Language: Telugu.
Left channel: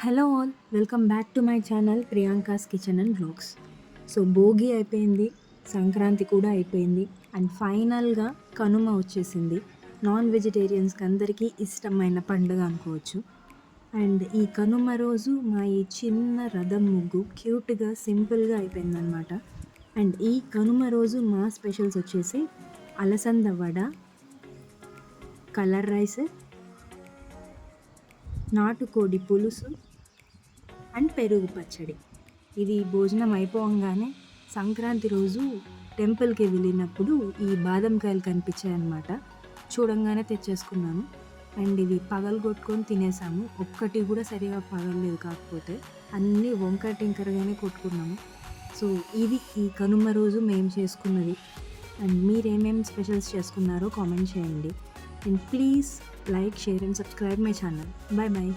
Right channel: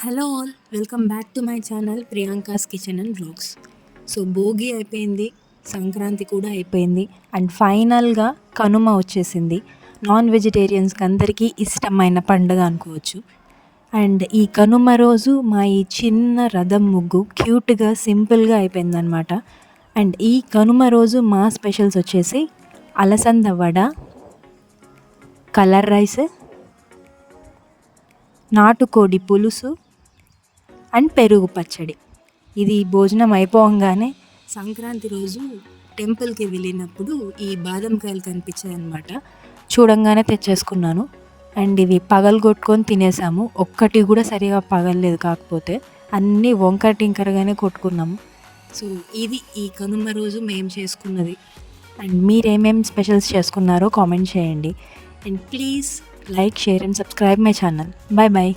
Hello all welcome back to my channel Priyanka's kitchen and blogs. So Bhogi అయిపోయింది సంక్రాంతి కూడా అయిపోయింది అండ్ ఫైనల్గా కనుమ వచ్చేసింది. నాన్ వెజిటేరియన్స్కి అందరికీ ఇష్టమైన పండుగ అనుకోవచ్చు. అండ్ ఈ కనుమ రోజు మా ఈ చిన్న రథం ముగ్గు క్యూట్గా సింపుల్గా అయిపోయిందనమాట అండ్ ఈ కనుమ రోజు మా స్పెషల్స్ వచ్చేసి అలసంద వడ కలర్ రైస్ నాటుకోడి పులుసు అండ్ పెరుగు పచ్చడి. ఇది భోజనం అయిపోగానే సంక్రాంతి రోజు టెంపుల్కి వెళ్ళినప్పుడు ఈ బాదం కాయలు కనిపించాయి అనమాట చూడంగానే తెచ్చేసుకున్నాను. అండ్ ఇవి పగలగొట్టుకొని తినేసాము. ఒక్కటి కూడా సరిగా పగలలేదు కాకపోతే అన్నీ వంకర టింకరగానే కొట్టుకున్నాము. సో ఇది ఈ కనుమ రోజు మేము చేసుకున్నది. అండ్ మీరేమేం స్పెషల్స్ చేసుకున్నారో కామెంట్ చేయండి. And please like share and subscribe my channel. Bye bye